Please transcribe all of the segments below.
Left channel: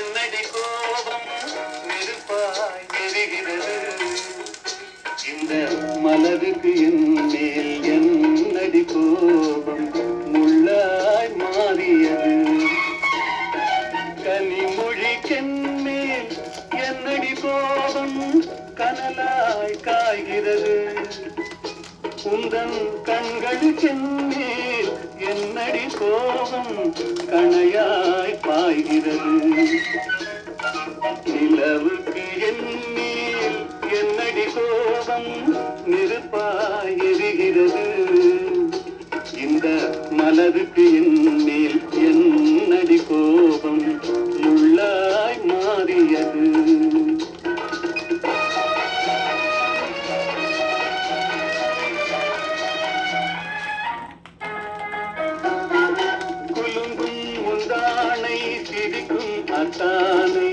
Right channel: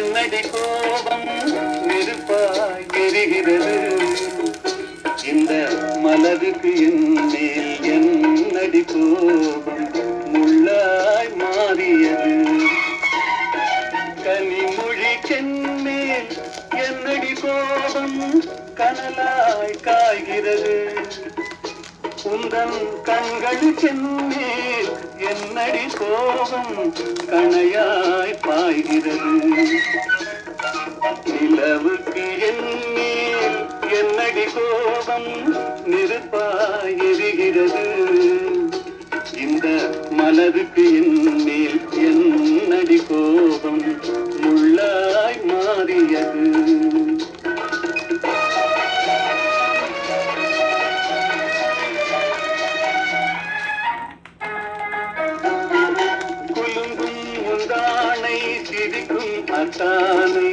என்னடி கோபம் நெருப்பாய் எரிகிறது இந்த மலருக்கு என் மேல் என்னடி கோபம் முள்ளாய் மாறியது கனிமொழிக்கென் மேல் என்னடி கோபம் கனலாய் காய்கிறது உந்தன் கண்களுக்கென் மேல் என்னடி கோபம் கணையாய் பாய்கிறது நிலவுக்கு என் மேல் என்னடி கோபம் நெருப்பாய் எரிகிறது இந்த மலருக்கு என் மேல் என்னடி கோபம் முள்ளாய் மாறியது சிரிக்கும் அத்தானை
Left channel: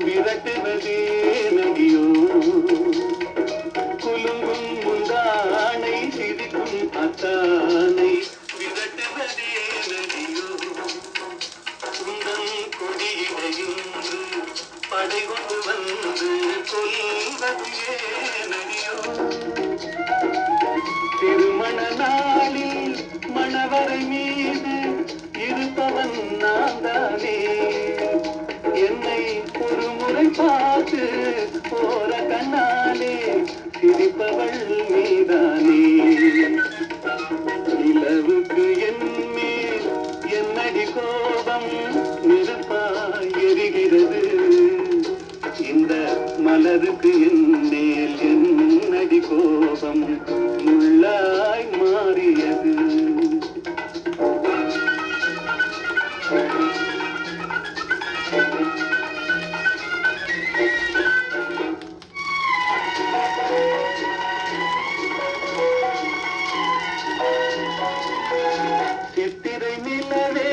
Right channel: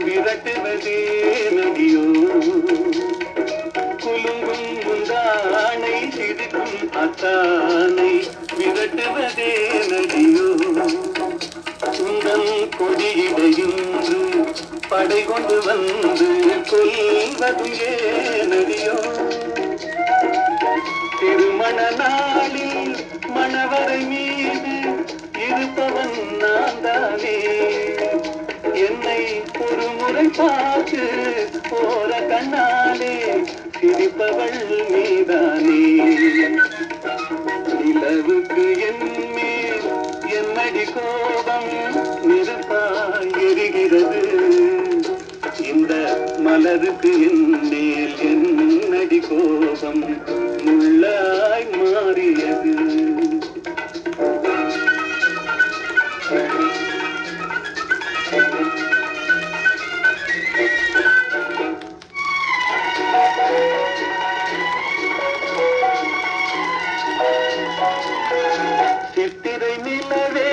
விரட்டுவதே நதியோ குலுங்கும் முந்தானை சிரிக்கும் அத்தானை விரட்டுவதே நதியோ உந்தன் கொடியிடையுன்று படை கொண்டு வந்து கொல்வதும் ஏனடியோ திருமண நாளில் மணவரை மீது இருப்பவன் நான் தானே என்னை ஒரு முறை பார்த்து போற கண்ணாலே சிரிப்பவள் நீதானே நிலவுக்கு என் மேல் என்னடி கோபம் நெருப்பாய் எரிகிறது இந்த மலருக்கு என் மேல் என்னடி கோபம் முள்ளாய் மாறியது சித்திரை நிலவே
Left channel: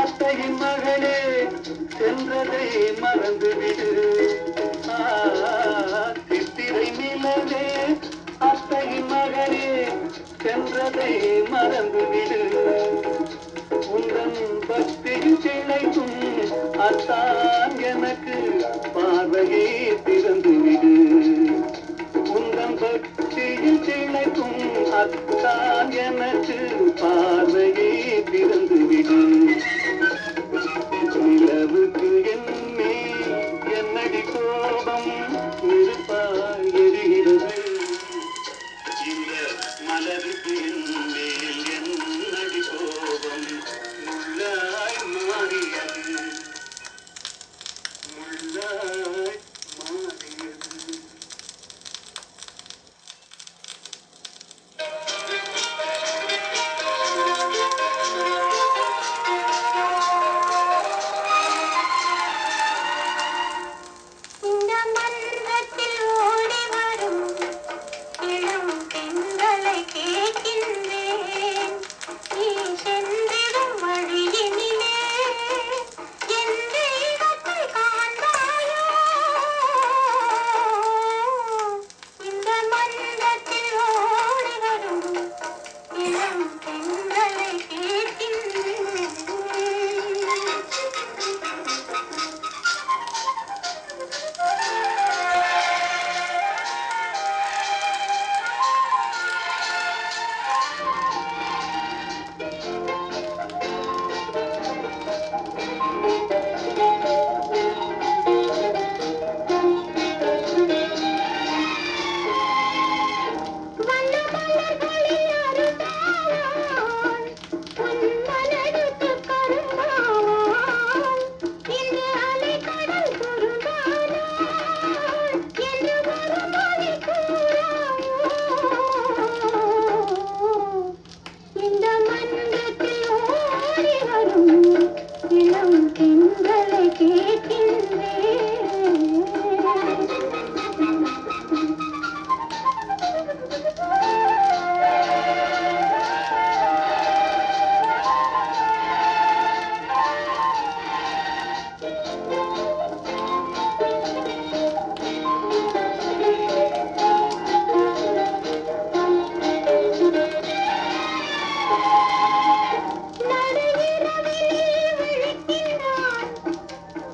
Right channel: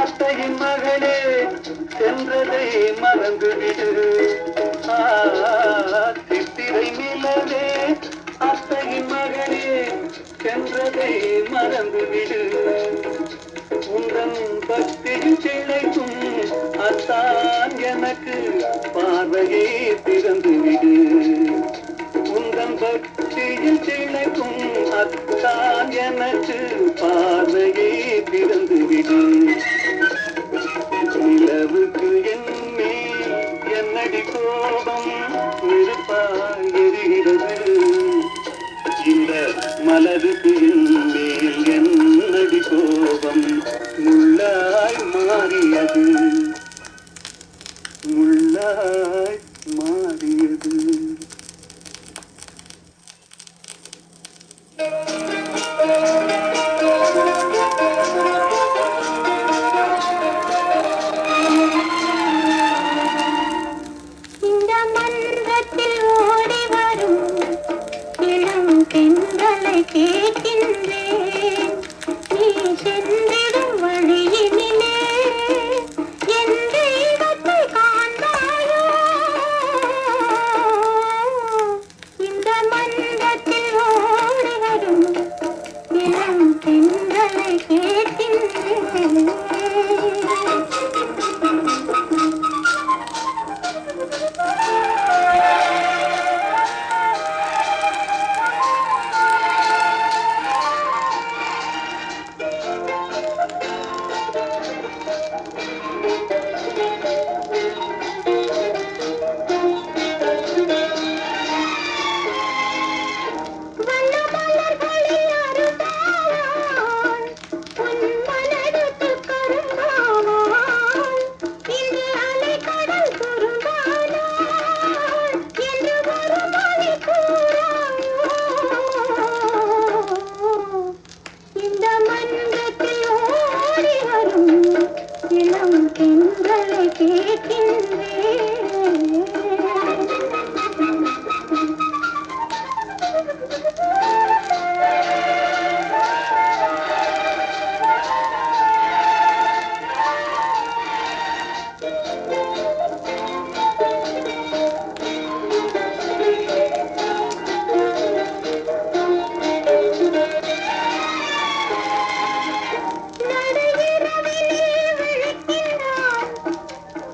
அத்தையின் மகளே சென்றதை மறந்துவிடு சித்திரை நிலவே அத்தையின் மகளே சென்றதை மறந்துவிடு உந்தன் பக்தியில் சிலைக்கும் அத்தான் எனக்கு பார்வையே திறந்துவிடு உந்தன் பக்தியில் சிலைக்கும் அத்தான் எனக்கு பார்வையே திறந்துவிடு நிலவுக்கு என் மேல் என்னடி கோபம் நெருப்பாய் எரிகிறது இந்த மலருக்கு என் மேல் என்னடி கோபம் முள்ளாய் மாறியது முள்ளாய் மாறியது இந்த மன்றத்தில் ஓடி வரும் இளம் பெண்களை கேட்கின்றேன் நீ சென்றிடும் வழியினிலே என் தெய்வத்தை காண்பாயோ இந்த மன்றத்தில் ஓடி வரும் இளம் பெண்களை கேட்கின்றேன்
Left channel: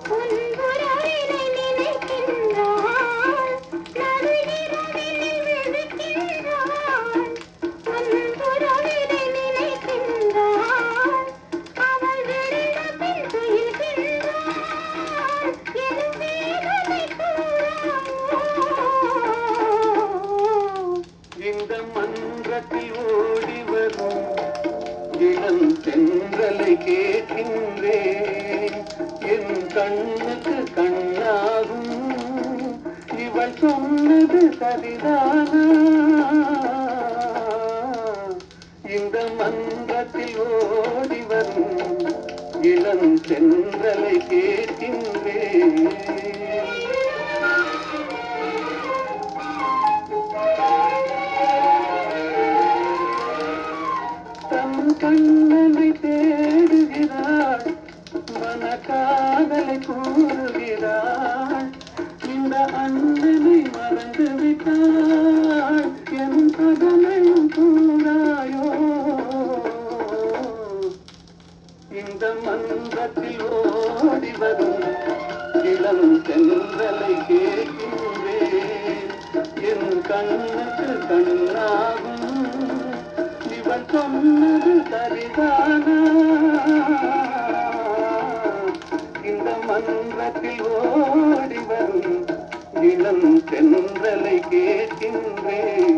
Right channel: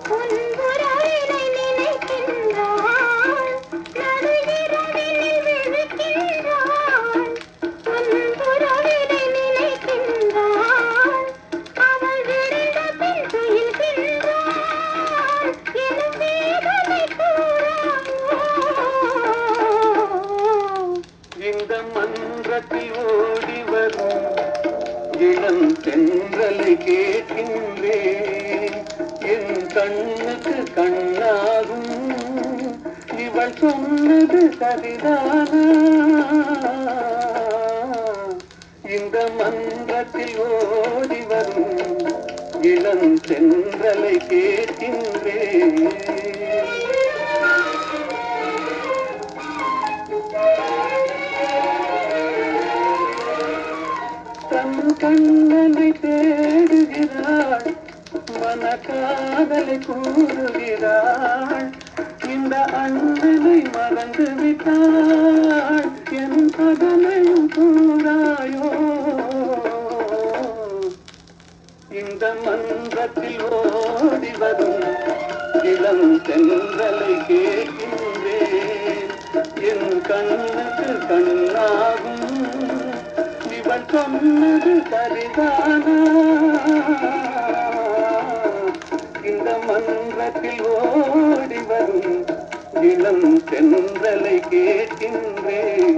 உன் கண்ணுக்கு கண்ணாகும் இவள் சொன்னது சரிதானா இந்த மன்றத்தில் ஓடி வரும் இளம் சென்றலை கேட்கின்றேன் தன் கண்ணனை தேடுகிறாள் மனக்காதலை கூறுகிறாள் இந்த அண்ணனை மறந்து விட்டாள் என் பதனையும் கூறாயோ இந்த மன்றத்தில் ஓடி வரும் இளம் சென்றலை கேட்கின்றேன் என் கண்ணுக்கு கண்ணாகும் இவன் சொன்னது சரிதானா இந்த மன்றத்தில் ஓடி வரும் இளம் சென்றலை கேட்கின்றேன்